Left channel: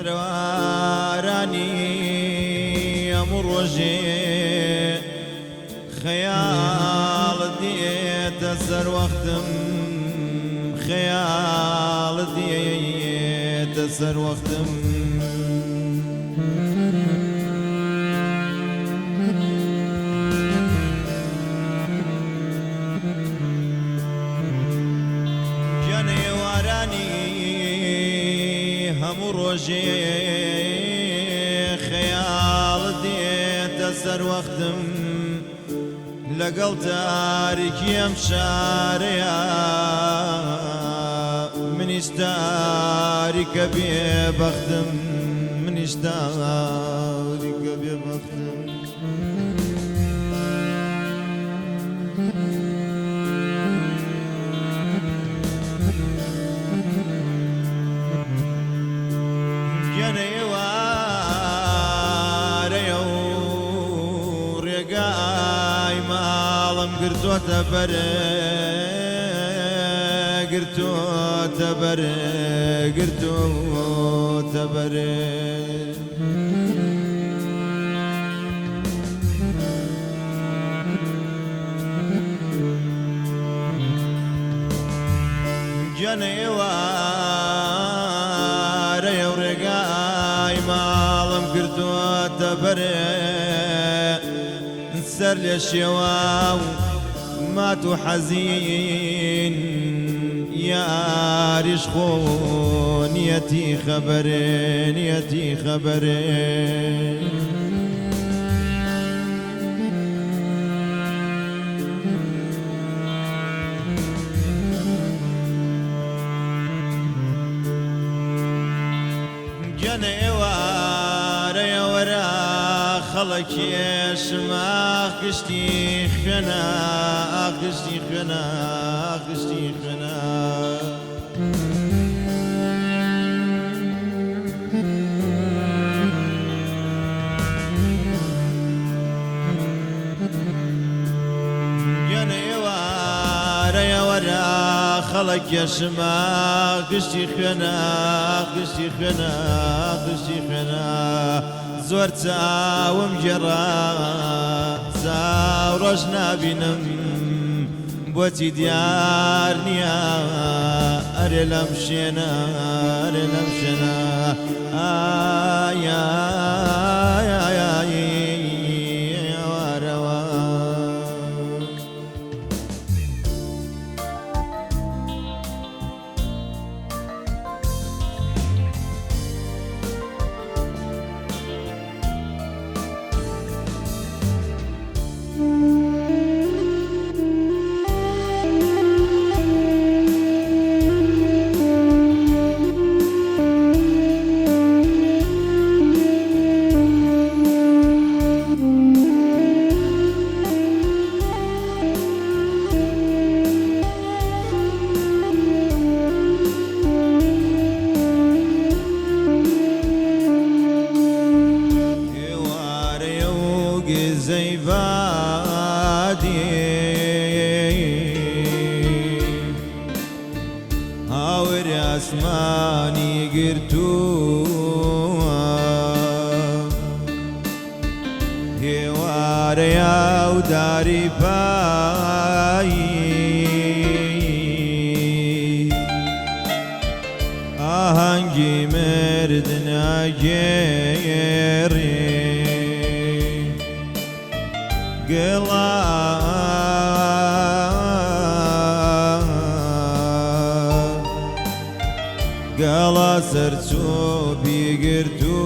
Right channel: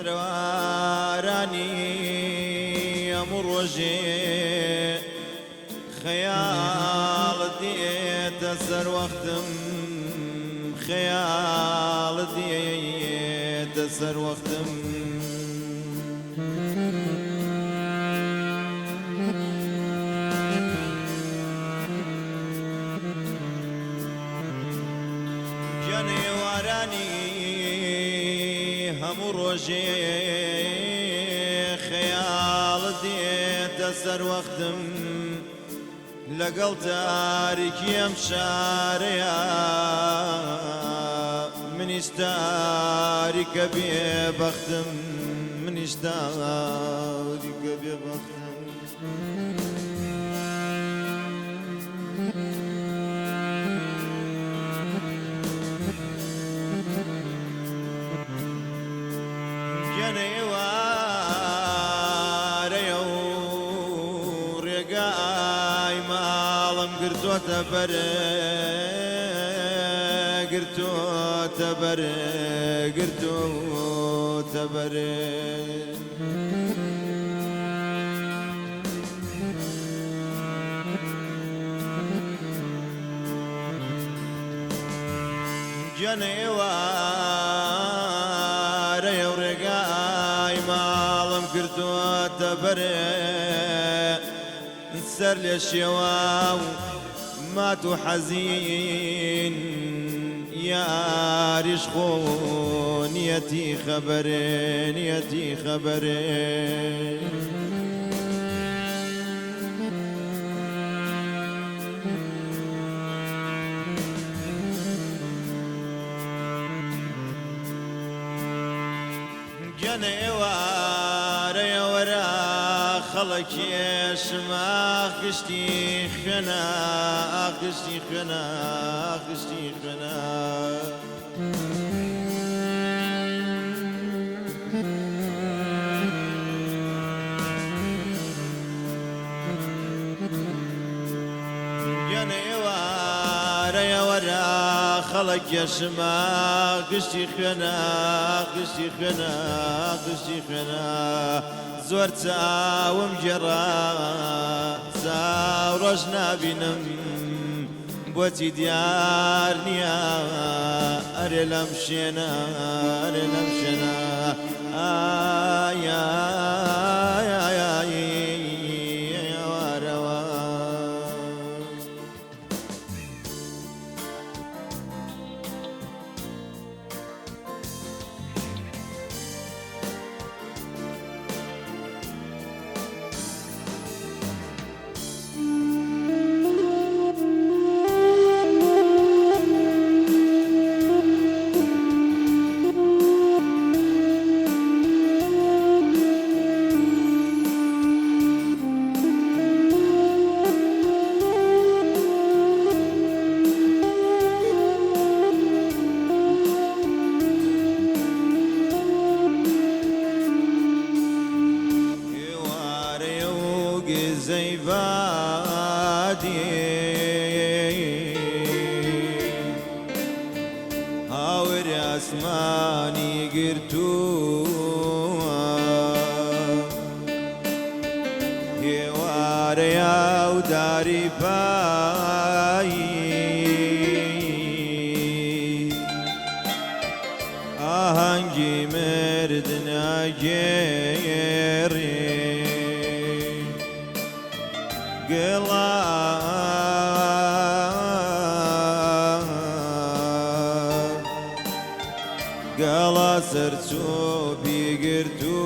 سروارانی ئەمڕۆژێ خەیاڵ دێتە سەر وەختم خەیاڵ دێتە سەر وەختم گیانێوارانی هەموو ڕۆژێ خەیاڵ دێتە سەر وەختم لەگەڵ تاریکی ئەم شارەیە منیش تاریکە بێبەختم منیش تاریکە بێبەختم گەنەیوارەیە و ڕێگای ماڵم گرتوۆتە بەرە گرتوۆتە بەرە گرتوۆتە بەرە گەنەیوارەیە و ڕێگای ماڵم گرتوۆتە بەرە سەر لێ شێوا و مات و حەزین یاریش خۆ نیەتی خەبەرێ نیەتی خەبەرێ گەنەیوارەیە وەرە خەڵەکێشم ئاخشتی خوێنە ئاخشتی خوێنە ئاخشتی خوێنە گەنەیوارەیە وەرە خەڵەکێشم ئاخشتی خوێنە ئاخشتی خوێنە ئاخشتی خوێنە زۆر چاوم گێڕا چاو ڕۆژ نابینم بۆچی دیار نییە ئەرێ لەم شوێنە ئەرێ لەم شوێنە وارەوە زەیبادی هاوری ئاسمانی گرتووە هێوارەیە و داری پایی ئاهەنگی مردنە گێڕی گەڵا سەرچۆ بیگرتووە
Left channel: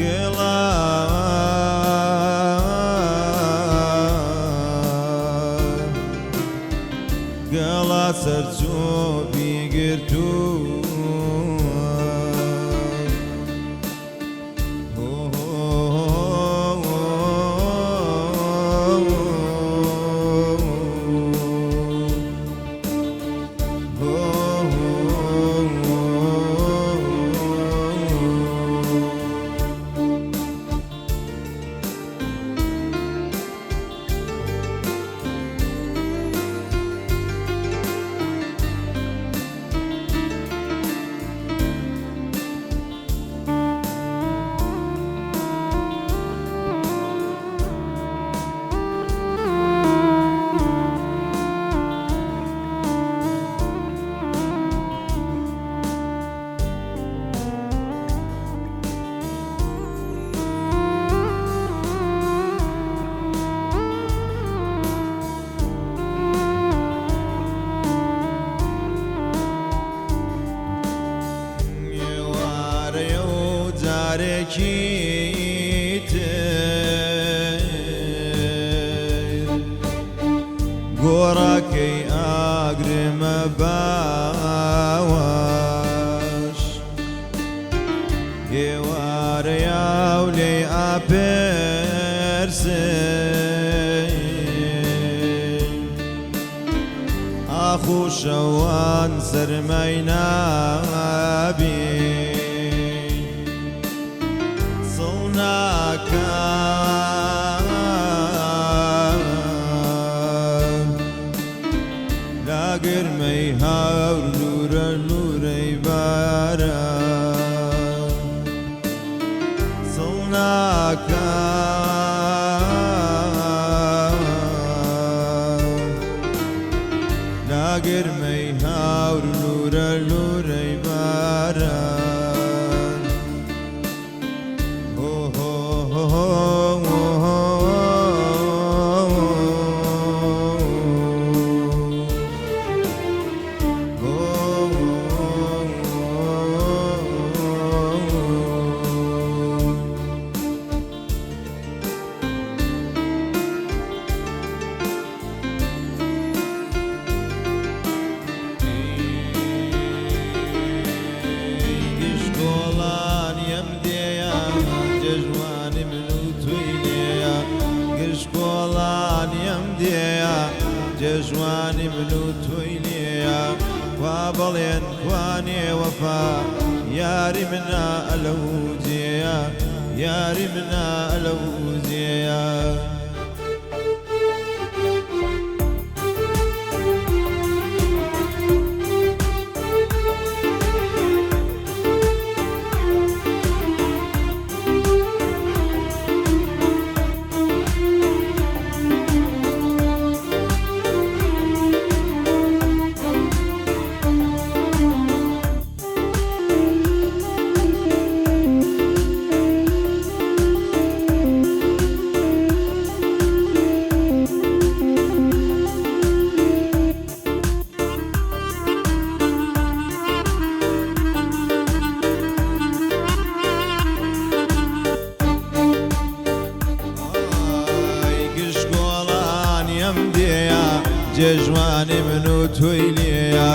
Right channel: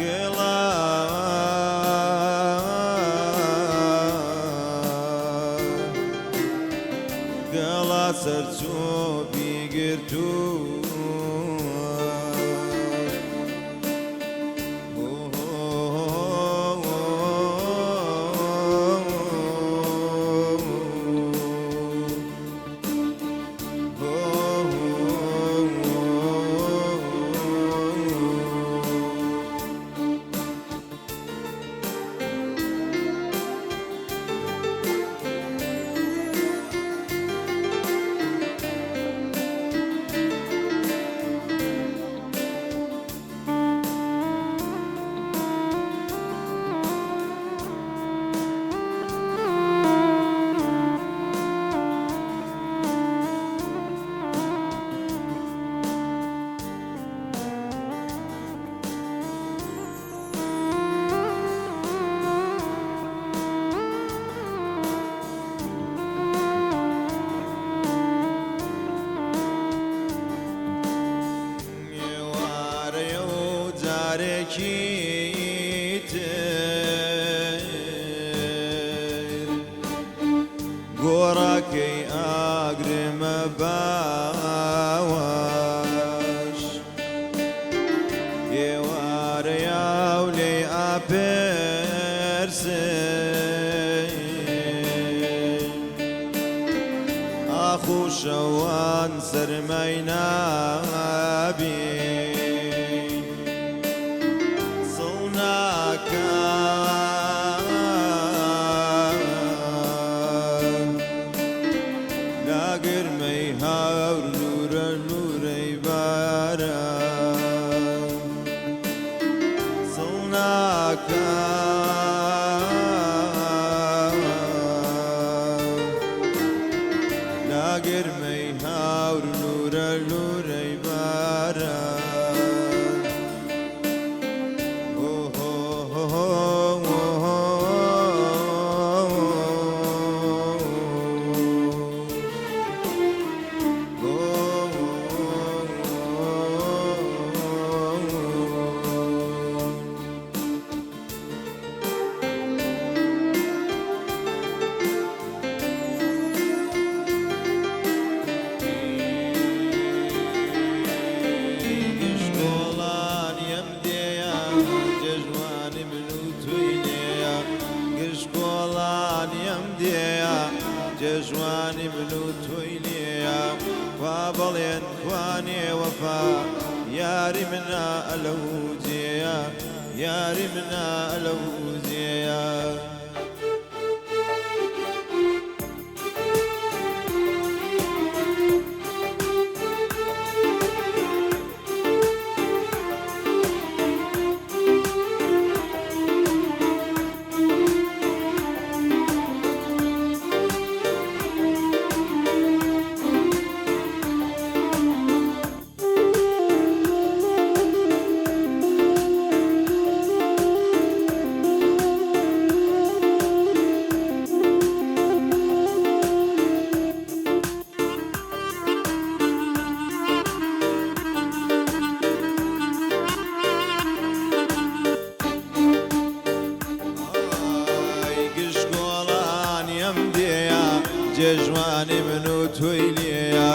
گەڵا گەڵا سەرچۆ بیگرتووە یارێکی تر گۆڕاکەی ئاگرمە باوەش ئێوارە یاو لێ ئاپرسێ ئاخو شەوان سەرمەی نابین سڵ ناکەم لاگرمەی هاور لورە لورەی باران سڵ ناکەم لاگرمەی هاور لورە لورەی باران جوانی من و توی لیا و بڵێن کوانێ وەفا یاری منە ئەلەو جێیە یاری منە ئەلەو جێیە جێژوانی من و توی لێیە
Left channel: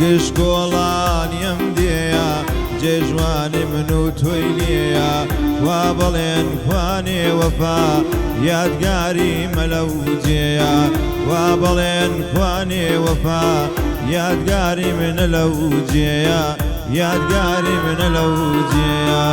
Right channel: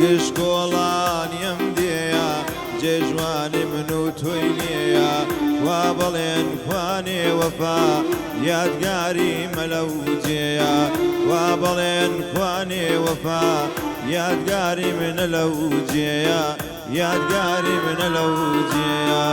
گشتگۆڵانیم دێیە جێژوانی من و توی لێیە وا بڵێن کوانێ وەفا یادگاری مەلەو جێیە وا بڵێن کوانێ وەفا یادگاری منە لەو جێیە یادگاری منە لەو جێیە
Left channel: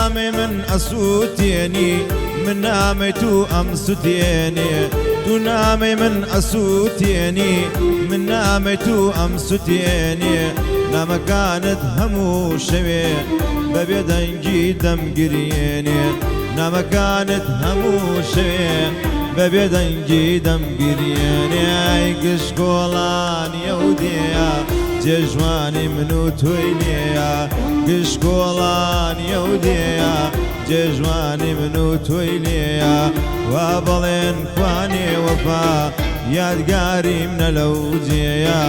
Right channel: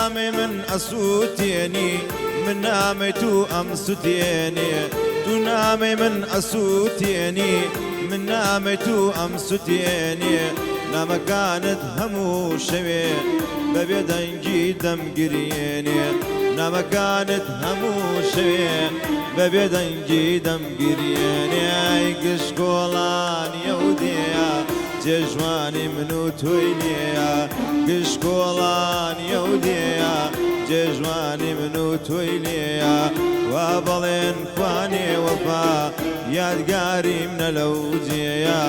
نامي من أسوتيني من نامي تو أمسوتيني تو نامي من أسوتيني من نامي تو أمسوتيني نام كانت همو شوي ببيدنجي دم قريني نام كانت همو شوي ببيدنجي دم قريني اي قشقولان يوديا جێژوانی من و توی لێیە گشتگۆڵان یەودێیە جێژوانی من و توی لێیە وا بڵێن کوانێ وەفا یادگاری منە لەو جێیە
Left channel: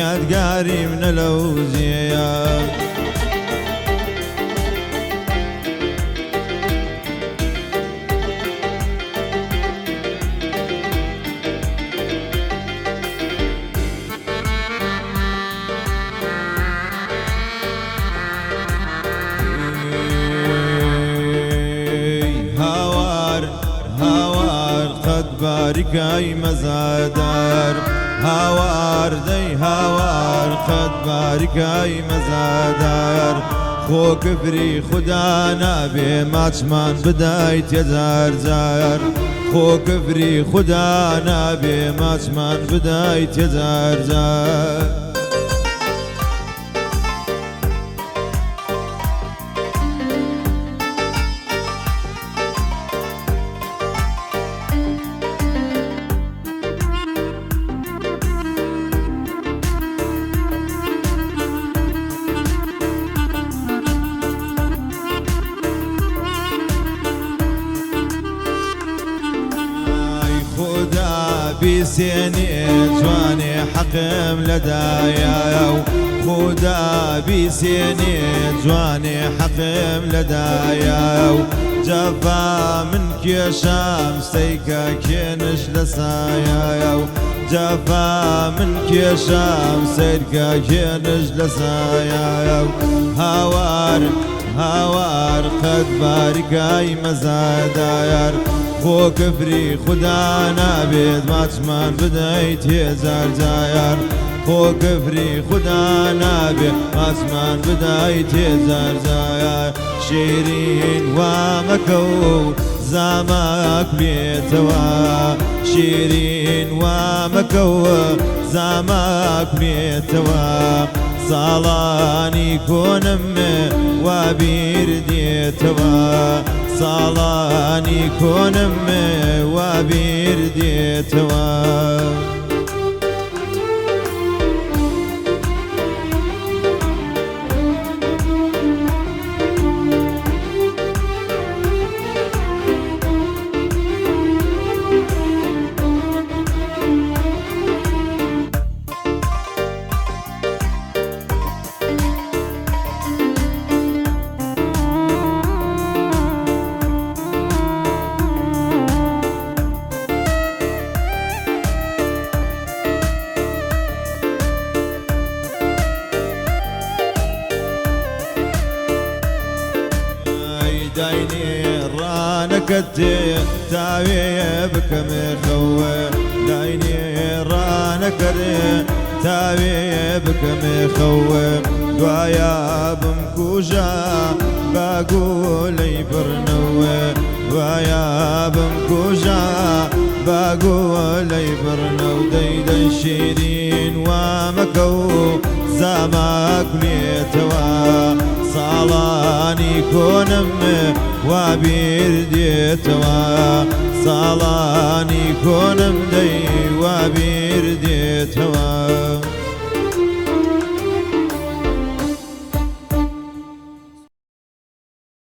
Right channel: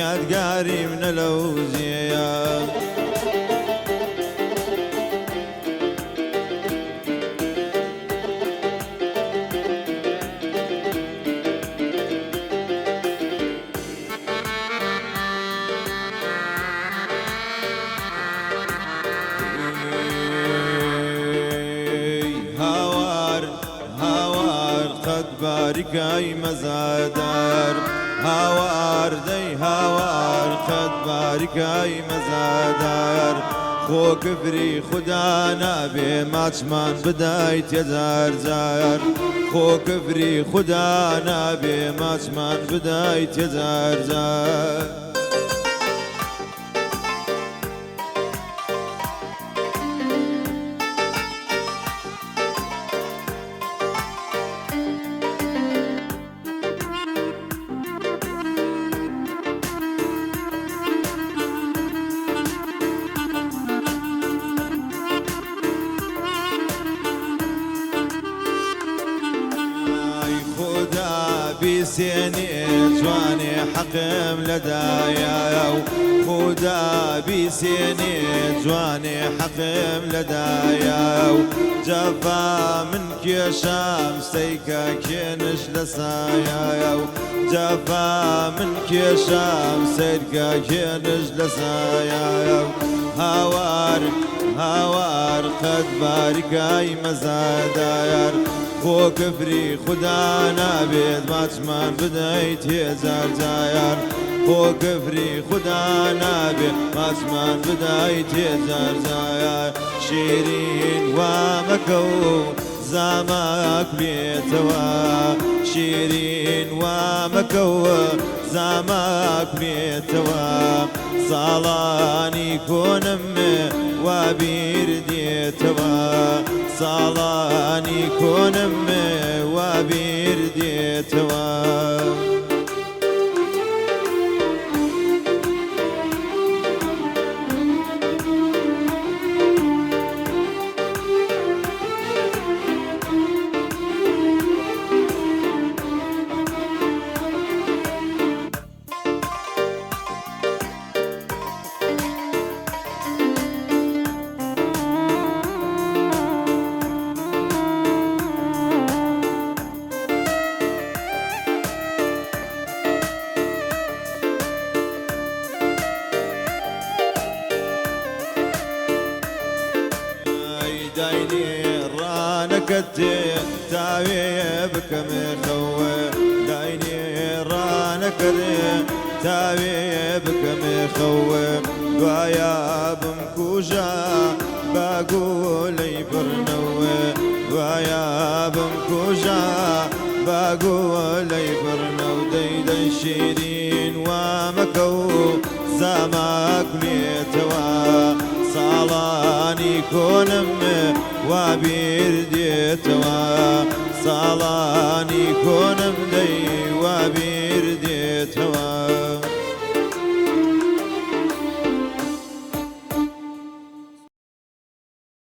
یادگاری منە لەو جێیە باریکای مەزادار هاوار دەی هاوار قەت باریکای مەزادار خۆ کفری خوددا نابێ ماچمان بدایت هەزار جار خۆ کفری خوددا نابێ ماچمان بدایت هەزار جار حقم لدايا خدا بسيني جواني حقم لدايا جفا من كيشام سيكا كينش لسايا جفا من كيشام سيكا كينش لسايا هاوار قد باركاي مزاداير خو كفري خدا نابد ماتشمان بدايت هزار جاير خو كفري خدا نابد ماتشمان بدايت هزار جاير شيرين ومكو زامك بيتوا شيرين ومكو زامك بيتوا صالاني كونم وبيرديتوا صالاني كونم وبيرديتوا دايني رانك تاوي بكم خوه دايني رانك تاوي بكم خوه دوايا بمكوجا باقولي برنوه دوايا بمكوجا باقولي برنو ديدن شيرين ومكو زامك ليتوا صالاني كونم وبيرديتوا صالاني كونم دي وبيرديتوا